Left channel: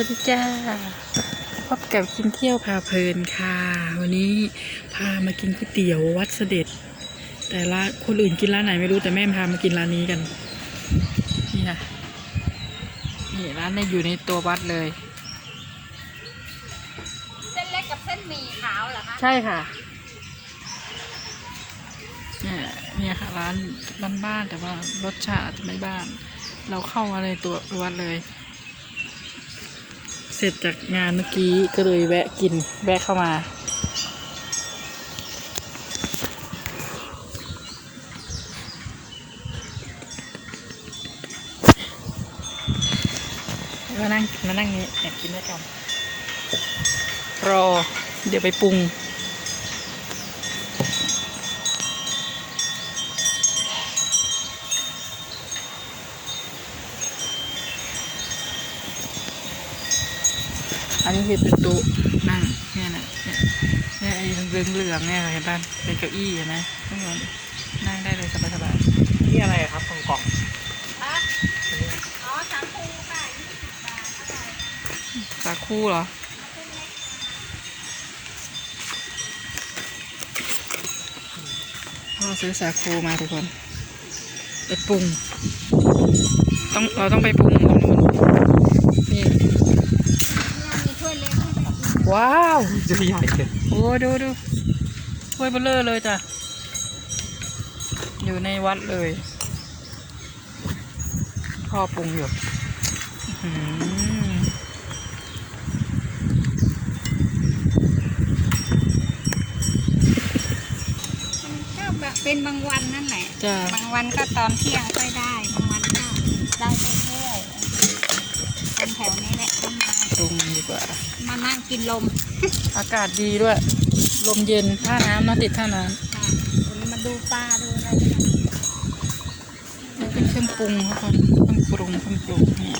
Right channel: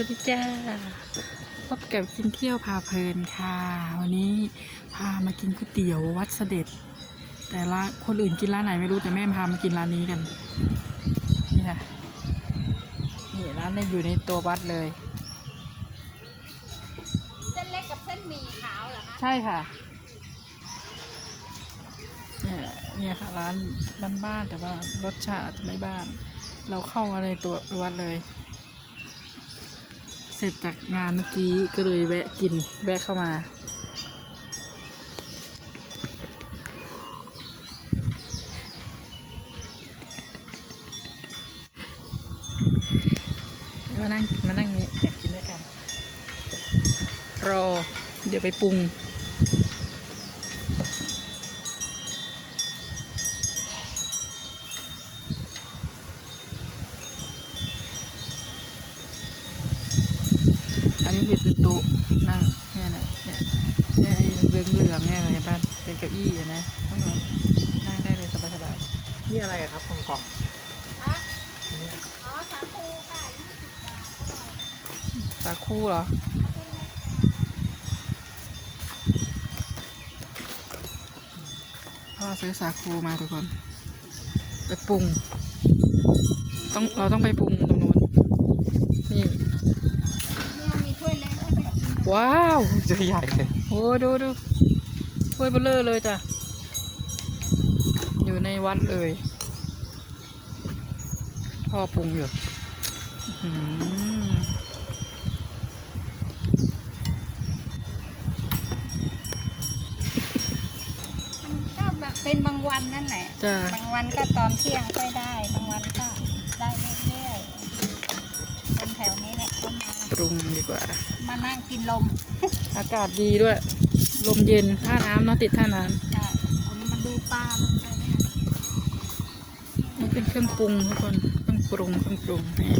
วัสดีจ้าพบกับกินเที่ยวพาเพลินค่ะ วันนี้พามากินก๋วยเตี๋ยววัดเสด็จ แต่ละคนอื่นกินร้านไหนไม่รู้แต่แม่พามากินร้านนี้กันนี่ค่ะนี่ร้านนี้อยู่ในตัววัดเลย เส้นเล็กกับเส้นหมี่ขาวเหรอคะใช่ค่ะเนี่ยเนี่ยค่ะร้านบ้านบ้านๆแต่ว่ารสชาติไม่บ้าน เราเข้ามาในตัววัดเลย เสร็จจากงานเมื่อกี้ก็เลยแวะกินแวะเข้ามา มานั่งมานั่งนี้อยากกินด้วยกันรอ เดี๋ยวไปปรุง อันนี้คือเป็นโต๊ะ นั่งเนี่ยนะเนี่ยเนี่ไอ้เรื่องเหลืองเนี่ยเห็นป่ะเป็นเก้าอี้เห็นไหมทุกคนนั่งได้เลยสบายสบายที่อะไรครับของกล่องคะอ๋อสามภูค่ะสาคูเหรอพ่อซื้อสาคูมาทุกคนไปปรุงต้องเราต้องไปปรุงตรงนู้นนี่ มีถ้วยเล็กให้ไปกิน ว้าวจะใหญ่เลยโอ้ดูดูถ้วยเบลเลอร์เลยจ้ะ อยู่ในวัดเลยพ่อปรุงอยู่อื้อหือมันก็แบบเป็นบางวันนั่นแหละจ้ะบางวันก็ตอนเที่ยงค่อยได้ บางวันก็นั่งเรื่อยๆคนแถวนี้แหละ มานั่งกินลมอากาศดีด้วย ลมเย็นท่าน้ำเนาะติดท่าน้ค่ะคนนี้มาดูปลาดูอะไรกันำนี่เป็นเครื่องปรุงทุกคนเครื่องปรุงเครื่องปรุงนี่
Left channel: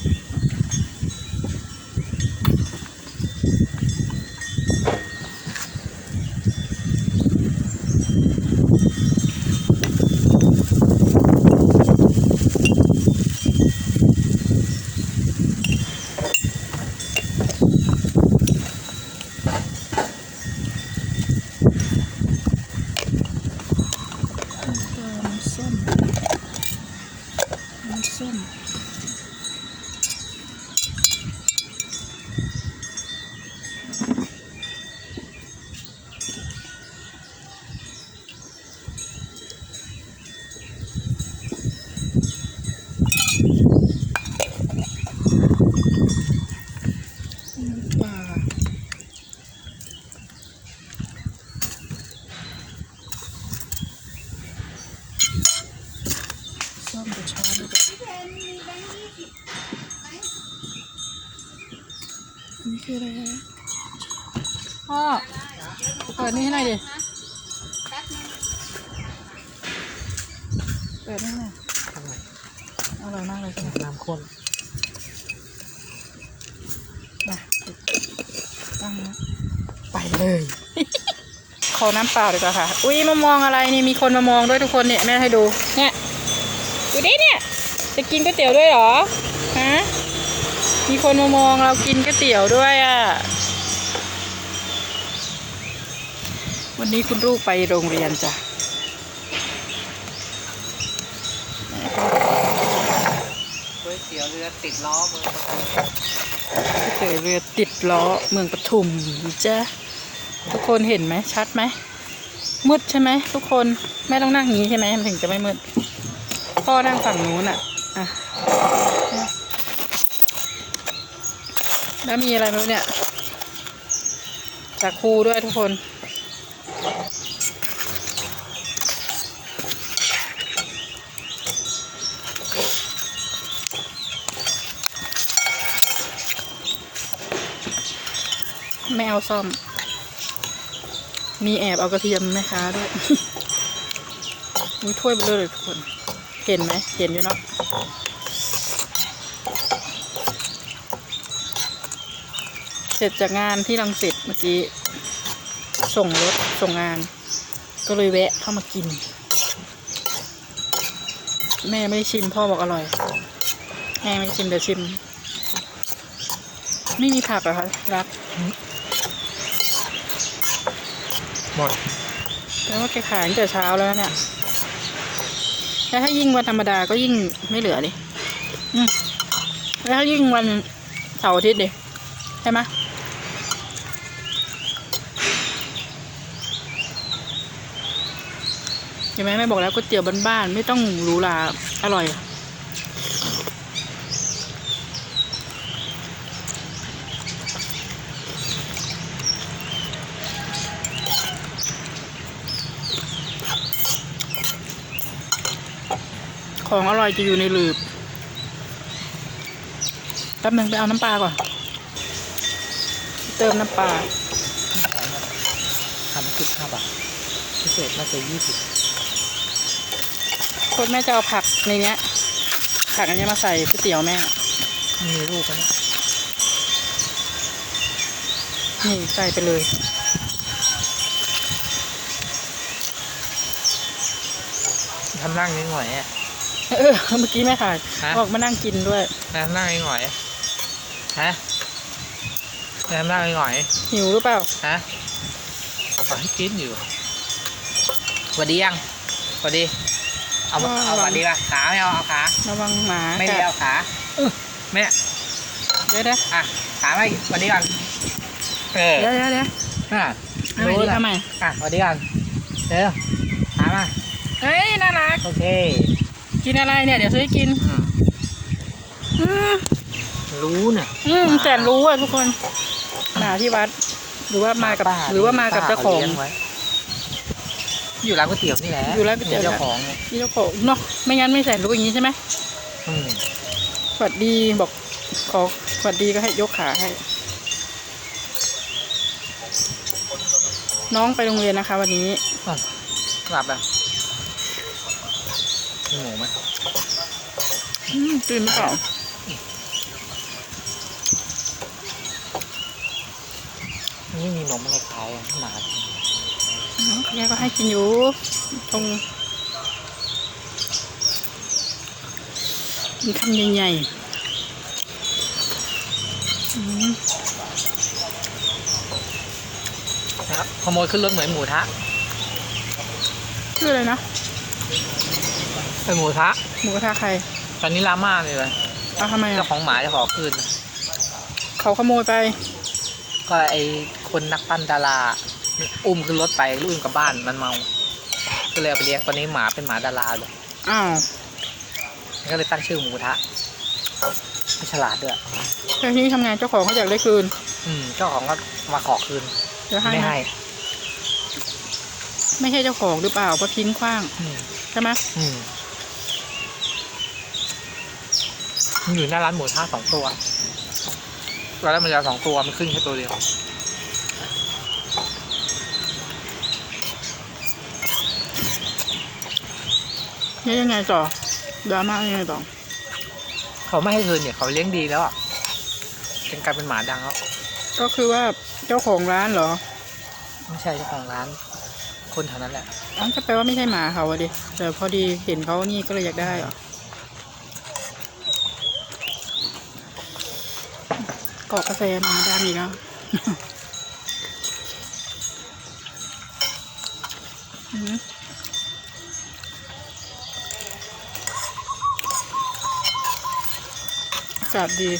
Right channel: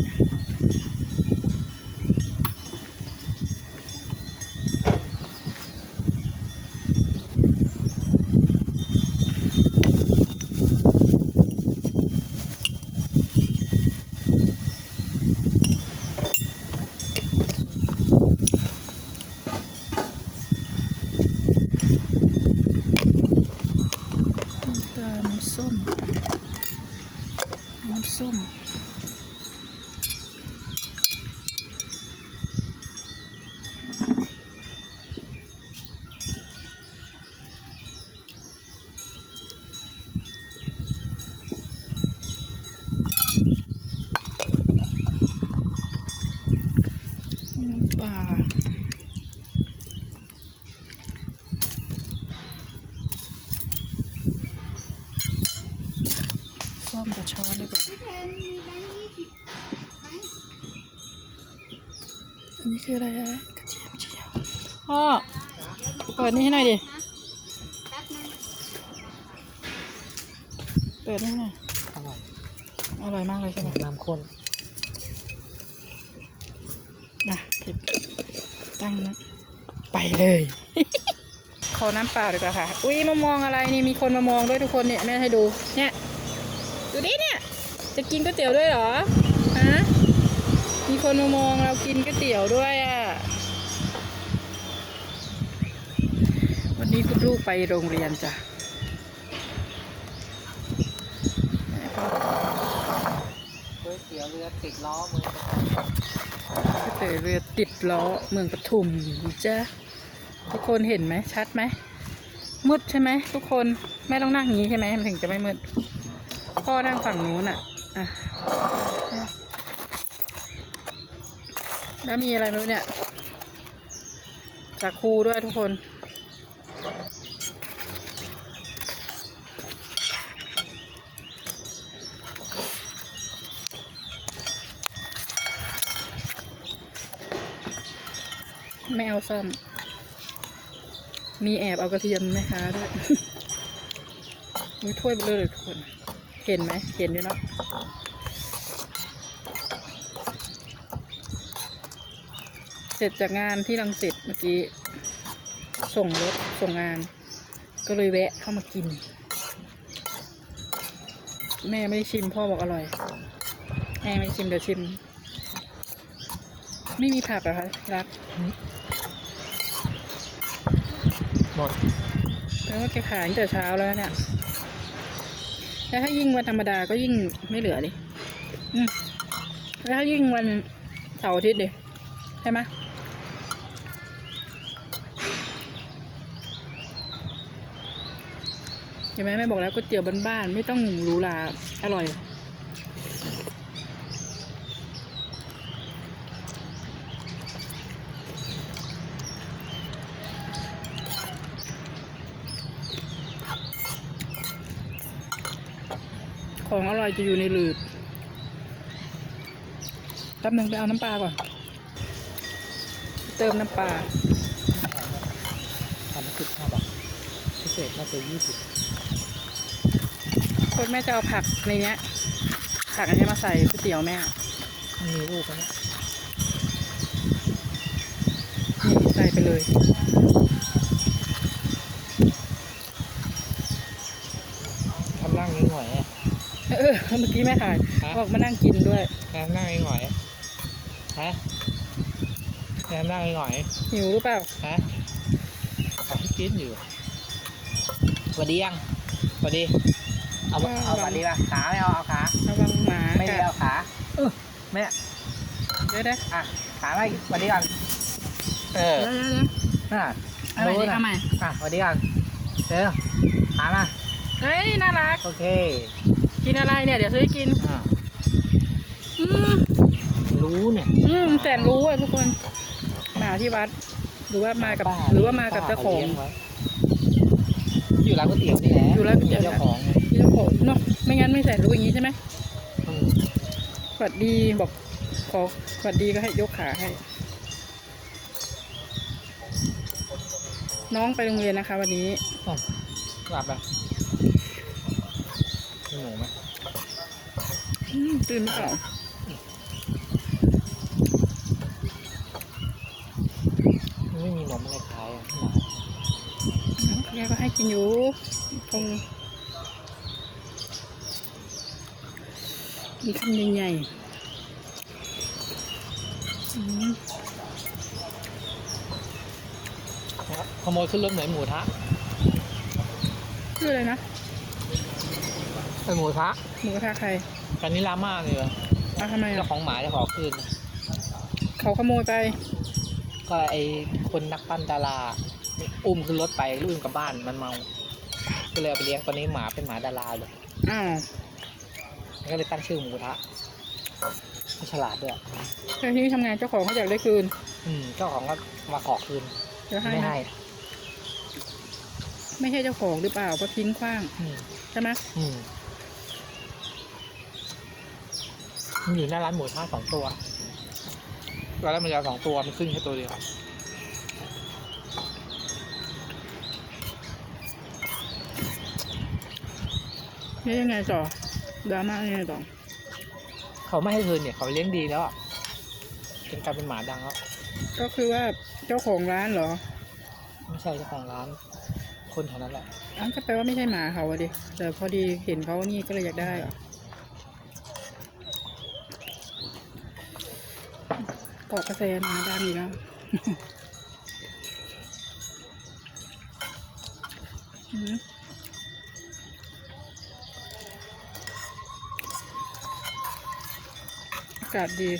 ก็น้ำส้ม น้ำส้ม น้ำปลาส้มกับช้อนด้วยกัน พี่เพนมีแบงค์ยี่สิบไหม อั นนี้คืออะไรฮะพ่อเปิดนี่ให้หน่อยดินะแป๊บนึงเปิดให้หน่อยอร่อย อร่อยมากเลยใช่ไหมน้ำข้นนะตั้งนะไปเลย ขอน้ำเปล่าดีกว่าค่ะ อุ้ยมามองอะไรนี่มีคนมามองด้วยทุกคนเนี่ยแม่ให้ดู เนี่ย ดูดิเนี่ย จะกินก๋วยเตี๋ยวด้วยเหรอฮะ มีคนมามองเรากินก๋วยเตี๋ยวด้วยอะ วันนี้คุณลูกไปโรงเรียนจ้ะก๋วยเตี๋ยวเรือติดล้อมือเจอเรือติดล้อเมืองปทุมจ้ะทุกคนเห็นไหมชัดไหมมืดใช่ไหมทุกคนแม่ต้องนั่งงนี้ใช่ไหมมันถึงจะไม่มืดพ่อนั่งฝั่งนู้นอะอะ แล้วมีอะไรไม่รู้เนี่ยจากครูด้วยทุกคนไม่เอาซ่อม มีแอบเอากระเทียมแม่ค้าด้วยอุ้ยถ้วยเบลอเลยทุกคน เห็นไหม เห็นอยู่เนาะ เสร็จจากงานที่รังสิตเมื่อกี้ ส่งรถส่งงาน ก็เลยแวะเข้ามากิน แม่ไม่ได้ชิมพ่อบอกอร่อย แม่ไม่ชิมเดี๋ยวชิม ไม่มีผักเหรอคะรักหมดแล้วว่าแกขายตั้งแต่เช้าแล้วเนี่ยแล้วถ้ายิ่งวันธรรมดาก็ยิ่งไม่เหลือดิอืมแล้วถ้ายิ่งวันเสาร์อาทิตย์ดิใช่ไหม เห็นไหมแม่บอกแล้วก๋วยเตี๋ยวบ้านๆไม่ต้องหรูหราอร่อย ของอร่อยจะอยู่ในหลืบแป๊บนึงไปเอาน้ำปลาก่อน เติมน้ำปลาทำสิบห้าบาทพิเศษน่าจะยี่สิบ คตรแม่จะเอาผักในเนี้ย ผักอันเนี้ยมาใส่ก๋วยเตี๋ยวแม่ มีลูกไหมนี่ใส่ไปเลยทำนั่งนิดหน่อยอะเออเมื่อกี้แม่ถ่ายฮะบอกมานั่งกินด้วยทำนั่งนิดหน่อยฮะทำนั่งนิดหน่อยหิวหรือเปล่าฮะขอให้กินอยู่สวัสดียังสวัสดี เอามาเอาสวัสดีป่ะขาไม่เอาเอาขาระวังหมาไม่ได้กัดเอาขาอื้อแม่เดี๋ยวเดี๋ยวอะขาไม่สวัสดีก่อนเออเดี๋ยวเดี๋ยวเดี๋ยวอะเอาใหม่ดิเอาใหม่อะสวัสดีก่อนเร็วขามาเฮ้ยน่ารักโอเคกินอะไรเนี่ยเดี๋ยวซื้อให้กินอะอืมรู้เนี่ยอืมแต่รู้อะทุกคนหมาที่วัด หรือว่ามากับป้หรือว่ามากับป้เจ้าของลี้ยไว้อยู่ร้านก๋วยเตี๋ยวนี่แหละอยู่ร้านก๋วยเตี๋ยวเจ้าของที่ เจ้าของเนาะไม่งั้นไม่ใส่รู้อย่างนี้ใช่ไหมอืมสวัสดีบอกขอสวัสดีก็ให้ยกขาให้ น้องไปโรงเรียนนะคะ วันนี้กลับแล้วมีหมูไหมอืมตื่นไม่เปล่าไม่มีนมอะไรขายอะหมาน้องแกก็ให้กินอยู่ตรง กินคำใหญ่ๆอืมครับขโมยขึ้นรถเหมือนหมูทะชื่ออะไรนะเป็นหมูทะหมูกระทะใครตอนนี้ลาม่าเลยเลยเอาทำไมเจ้าอะของหมาจะขอคืน เขาขโมยไป ก็ไอคนนักปั้นดาราอุ้มขึ้นรถไปลูกกลับบ้านมันเมา ก็เลยเอาไปเลี้ยงตอนนี้หมาเป็นหมาดาราเลย อ้าว ก็เลยตั้งชื่อหมูทะไม่ฉลาดด้วยแต่ที่นี่ทำงานเจ้าของเขาอยากได้คืน อืมเจ้าของก็มาขอคืนเดี๋ยวให้ไม่นะให้ไม่ใช่เจ้าของหรือเปล่าก็ทิ้งขว้างอืมใช่ไหมอืมมันอยู่หน้าร้านหมูทะสองตัวตอนแรกมันจะสองตัวมันขึ้นแค่ตัวเดียวนี่ยังไงต่อ ดราม่ายังไงต่อเขาไม่ให้คืนเนี่ยเขาเลี้ยงดีแล้วอะเป็นกลายเป็นหมาดังแล้วก็คือว่าเจ้าของร้านเหรอ ไม่ใช่เจ้าของร้าน คนแถวนั้นแหละอันก็แปลว่าไม่ใช่หมาเขาอะดิแต่พอดีเห็นเขานี่ก็เลยอยากได้เหรอกรอกกาแฟมาดามอีกแล้วอืมากาศดี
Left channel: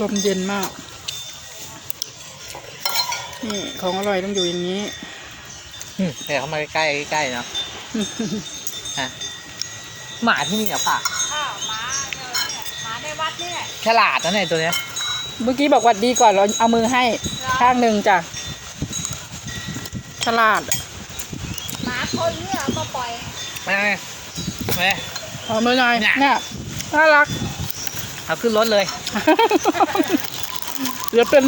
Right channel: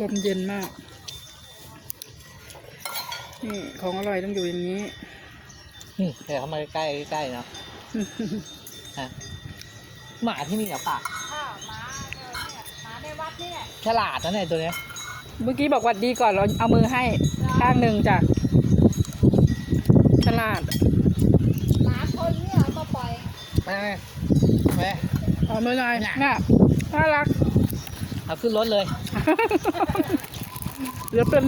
ลมเย็นมาก นี่ของอร่อยต้องอยู่อย่างนี้อืมเดี๋ยวเขามาใกล้ๆใกล้ๆเนาะฮะหมาที่นี่เหรอป่ะข้าวหมาเนี่ยหมาในวัดนี่แหละฉลาดนะเนี่ยตัวเนี้ย เมื่อกี้บอกหวัดดีก่อนเราเอามือให้ข้างหนึ่งจ้ะฉลาดหมาคนเนี่ยเอามาปล่อยไม่ไม่เอามือหน่อยเนี่ยเนี่ยน่ารัก เอาขึ้นรถเลย เดี๋ยวเป็น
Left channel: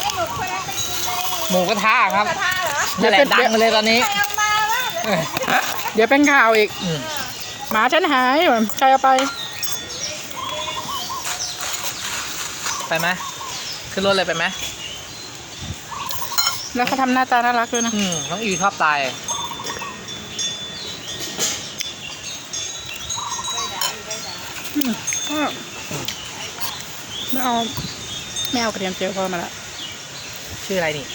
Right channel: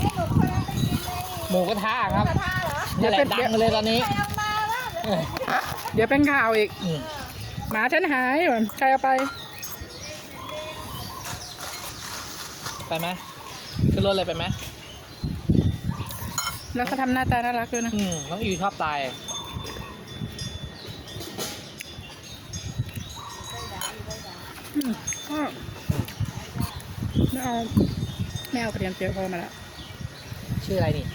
ให้หนูคนนั้นไปกินเลยหมูกระทะครับกระทะเหรอนั่นแหละดังมาเลยตอนนี้ใครเอามาแล้วเออเดี๋ยวเป็นข่าวอีกอืมหมาฉันหายใครเอาไป ไปไหมขึ้นรถเลยไปไหมแล้วเขาทำหน้าตาน่ารักด้วยนะอืมน้องอีชอบตายอืมก็ไม่ เอาแม่เอากระเทียมเจียวพ่อมาละชื่ออะไรนี่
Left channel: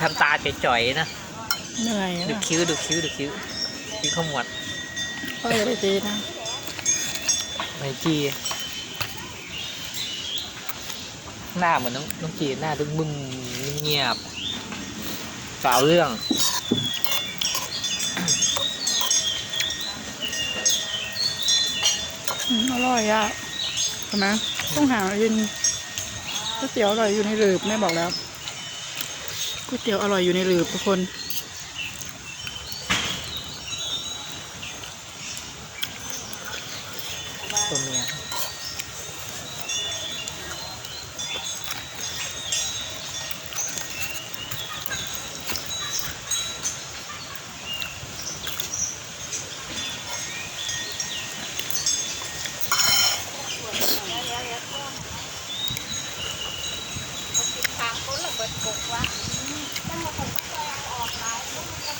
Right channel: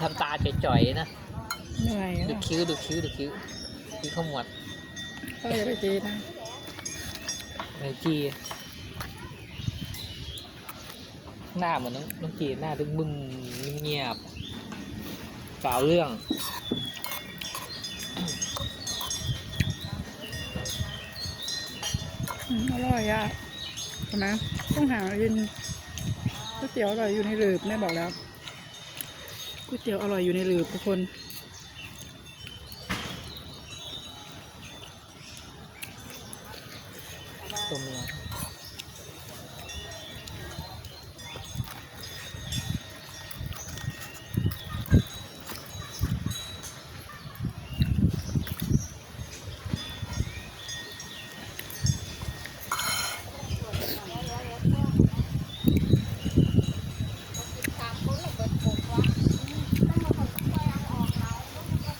ทำตาจ่อยๆนะเหนื่อยดูนะคิ้วดูคิ้วดูคิ้วคิ้วขมวดพ่ออย่าไปตีนะไม่จีหน้าเหมือนน้องน้องจีหน้าบึ้งบึ้งเงียบสาวเรื่อง อร่อยอะเห็นไหมต้องหากินก๋วยเตี๋ยวอร่อยอยู่ในหลืบแม่บอกแล้วก๋วยเตี๋ยวอร่อยอยู่ในหลืบทุกคน ตัวเมีย ทางคนละเบิดกบวะถ้ามาผมก็เอาออกหลายแล้วมันก็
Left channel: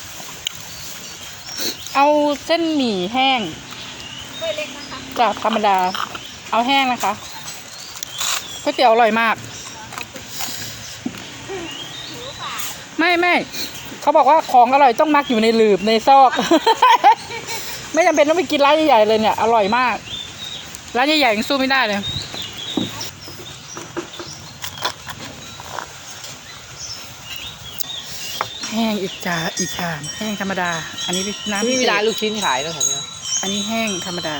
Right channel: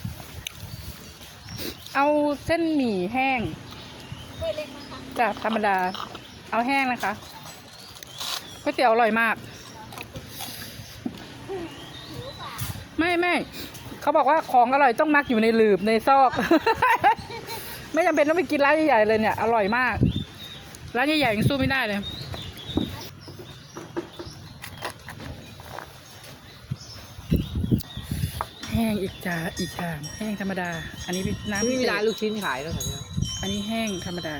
เส้นหมี่แห้งจากธรรมดา เอาแห้งนะคะก๋วยเตี๋ยวอร่อยมาก ไม่ไม่เขาบอกว่าของอร่อยต้องมักอยู่ในหลืบในซอก ไม่จำเป็นต้องไปกินร้านใหญ่ๆเลยเนี่ย อร่อยมาก ร้านใหญ่ๆยังสู้ไม่ได้เลย แห้งอีกจาอีกชามแห้งธรรมดา อันนี้น้ำนี่พิมีเศร้านษลูกชิ้นขายแล้วแถวเนี้ยอันนี้แห้งธรรมดา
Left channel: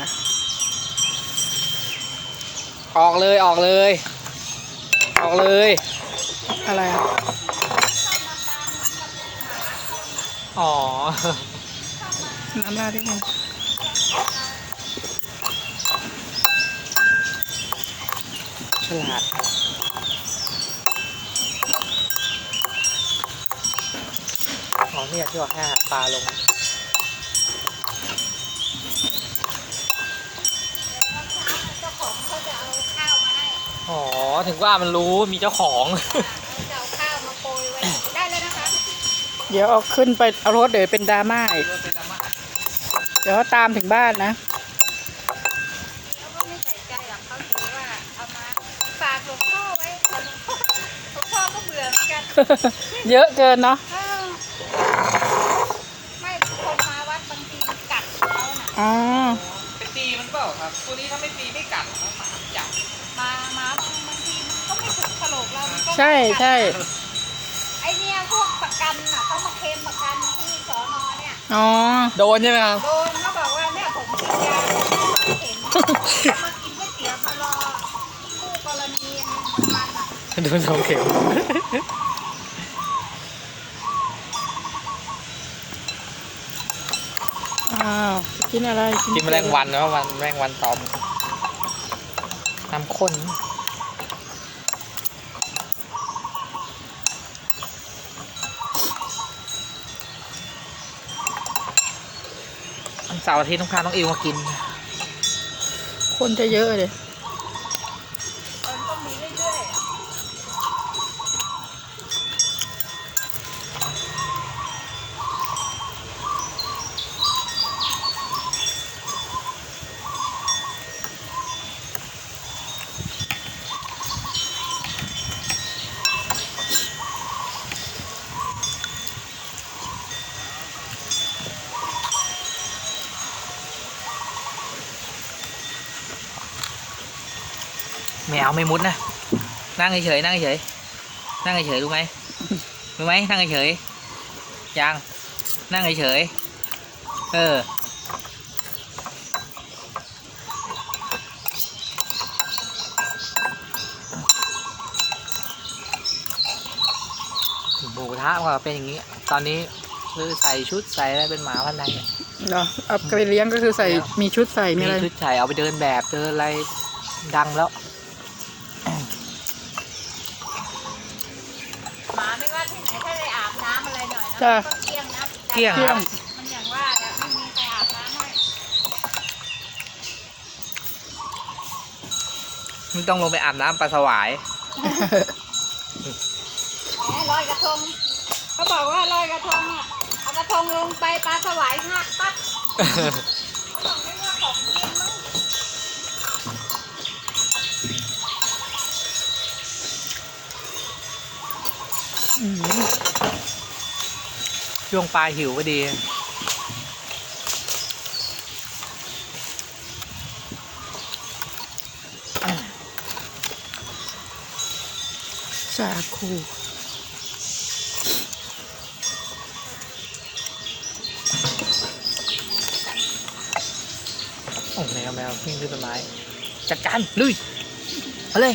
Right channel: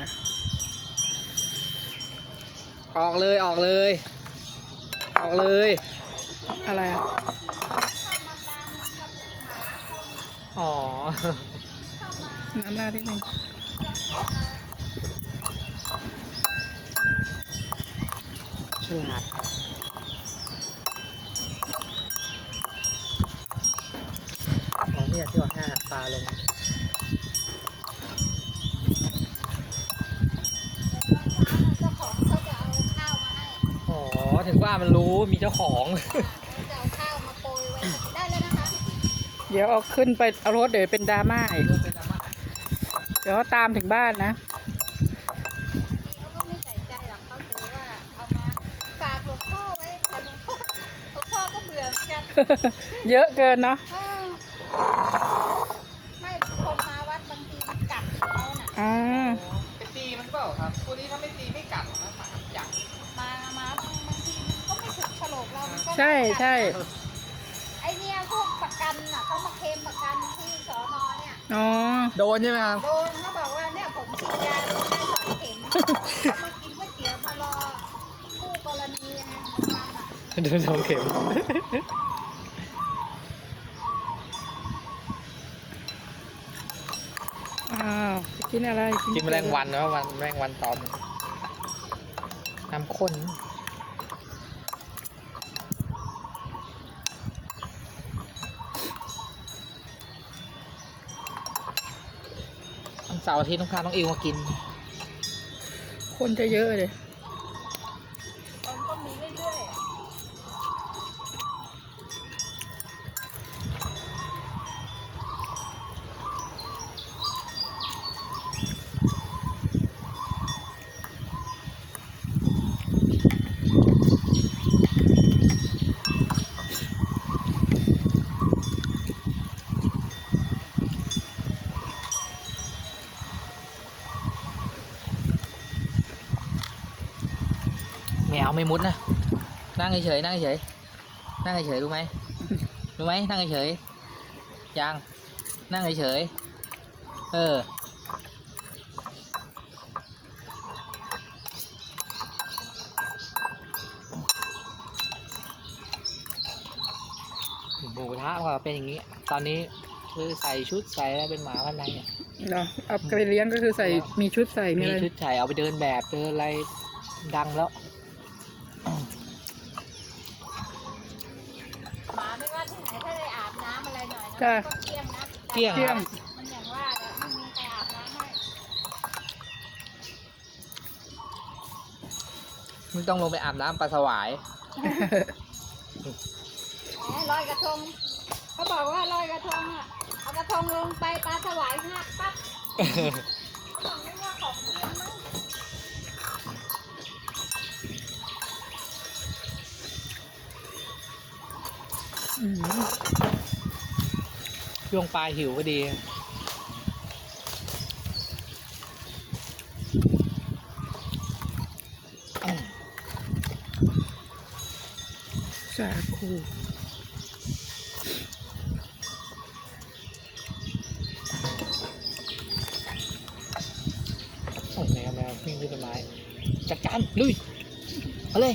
ออกเลยออกเลย ออกเลย อะไรอะอ๋อน้ำราดที่มันฉลาด อ๋อเนี่ยที่ว่าให้อาหาร ปลาลงเจ้าของเขาจะเอาข้าวมาให้อ๋อ ถึงว่ามันรู้มีเจ้าของจะเอาข้าวมาโปรยไว้ได้เลยนะคะเดี๋ยวเอาขึ้นไปเอารถเดี๋ยวเป็นดราม่าอีกเดี๋ยวเขาตามถึงบ้านนะแล้วก็ไม่ใส่ใจหรอกเขาถือว่าเอาม ใช่กัดใช่ไอเนี่ยพวกประกันน่ะเขามาเคลมประกันที่สอนอเนี่ยอ๋อโดนใช่ไหมครับ โดนเขาบอกว่าเนี่ยผมกินยาผมเห็นมากินก๋วยเตี๋ยวมารอคู่กรณีมันอะโดนสองเข็มอ้าวกินอะไรกินแมลงวันนะวันแมลงวันตอมน้ำข้น วันเสาร์อาทิตย์ต้องพาน้องอิวมากิน คนจะเยอะเลย มันก็มีเรื่อยๆ ไม่เอาไม่มุดนะ นั่ง เฉยๆนั่งเฉยๆนั่งเฉยๆรู้ไหมรู้ไหมนั่งเฉยๆยังนั่งเฉยๆเออหมูกระทะก็เป็นอย่างนี้ ตอนนี้คือใส่ชุดใส่อะไรเป็นหมาพันธุ์ใดเนี่ยเหรอเอาไปเลี้ยงก็คือใส่มีชุดใส่มีมีอะไรชุดใส่เอาไปเดินแบบเดินอะไรดังแล้ว หมาไม่ว่าที่ไหนถ้าได้อาบน้ำอะไรหน่อยนะ จ้ะก็เกลี้ยงนะเกลี้ยงเที่ยงมันอย่างว่าแหละไม่มีใครอาบน้ำให้มึงต้องลงไปอาบน้ำปลาสวาย แหมลอยกระทงเขาบอกว่าลอยกระทงอะเอากระทงลงไปปลาสวายหักปั๊บ ช่วงปลาหิวพอดี สาคูโอ้แมวแมววิ่งขึ้นต้นไม้ จัดการ ลุยเอาเลย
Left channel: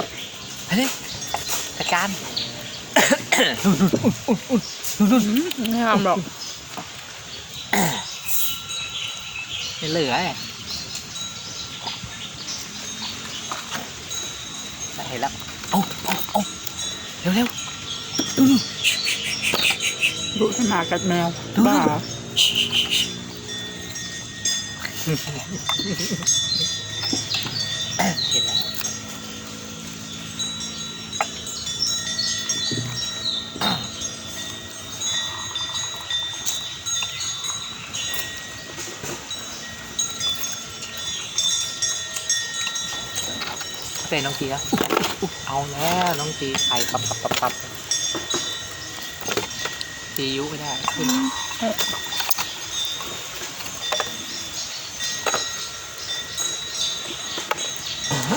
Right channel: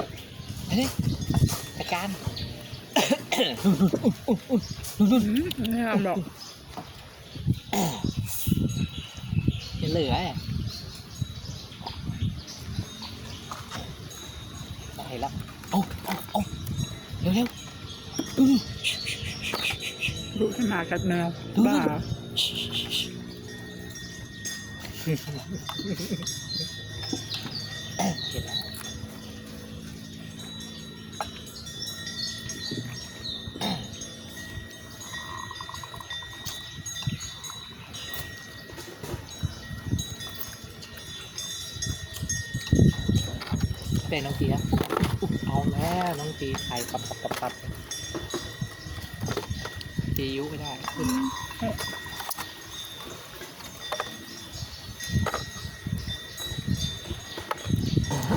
เอาเลยจัดการ ไม่ทำหรอกไม่เหลือไงเห็นแล้วเอาเอาเอาเร็วเร็วดูดูดุขนาดกัดแมวดูบ้า เห็นแล้ว เป็นน้องจีครับเอาแล้วน้องจีไข่ปับปับปับปับจียุไม่ได้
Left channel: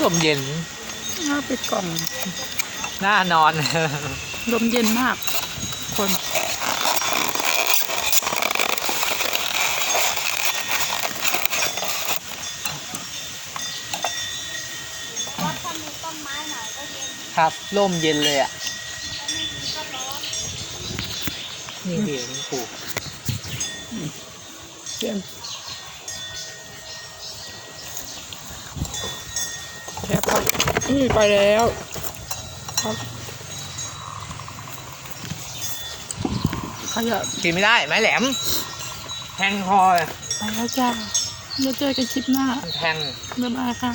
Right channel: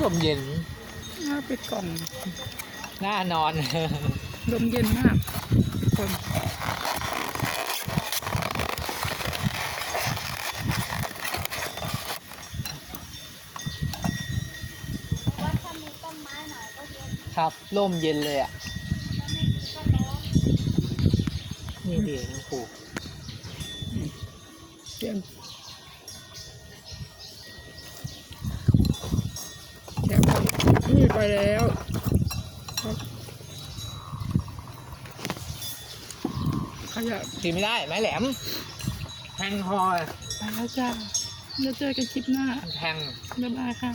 ลมเย็นน่าไปกล่อง หน้านอน ลมเย็นมาก คน เพราะว่าถ้ามีต้นไม้หน่อยก็เย็น ครับร่มเย็นเลยอะก็ร้อนนี่เองปลูกเยี่ยมแถมครับนี่ไปแล้วครับขยะกินไม่ได้ไม้แหลม แทงคอไปแล้วจ้าเราเจอกันคลิปหน้า แทง บ๊ายบายค่ะ